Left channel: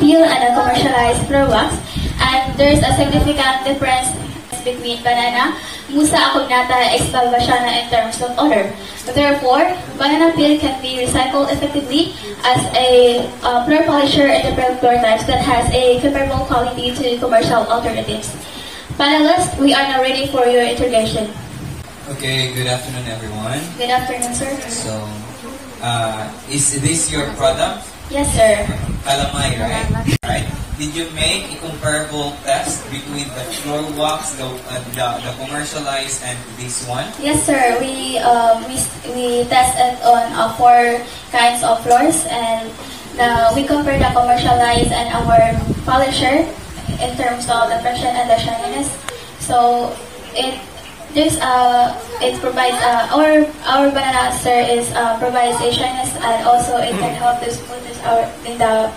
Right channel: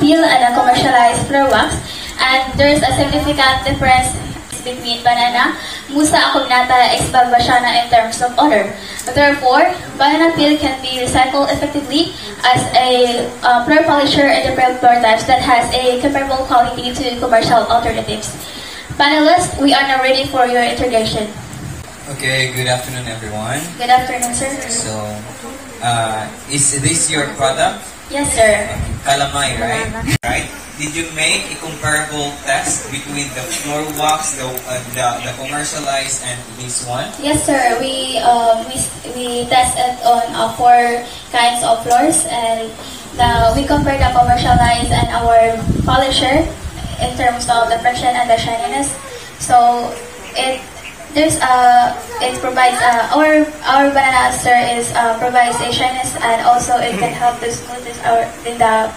peel and a commercialized floor wax. And there's a significant difference between banana, Musa acuminata, is Balbasiana in terms of odor. Therefore, banana peel can be recycled effectively as a floor polisher in different floor types that has a comparable quality to commercial alternatives. Panelists, we are now ready for your introduction. Okay, good afternoon everyone. Good afternoon, sir. So, is this your product? Yes, sir. Calamay, right? Right? Did you make a comparable test between the floor wax, the commercialized, and this one? Yes, sir. We tested on 4 kinds of floors, and we compared the commercialized and our polisher in terms of the friction and the shininess. So it provides our banana sir provides a shyness, and also it can help to smoothness in the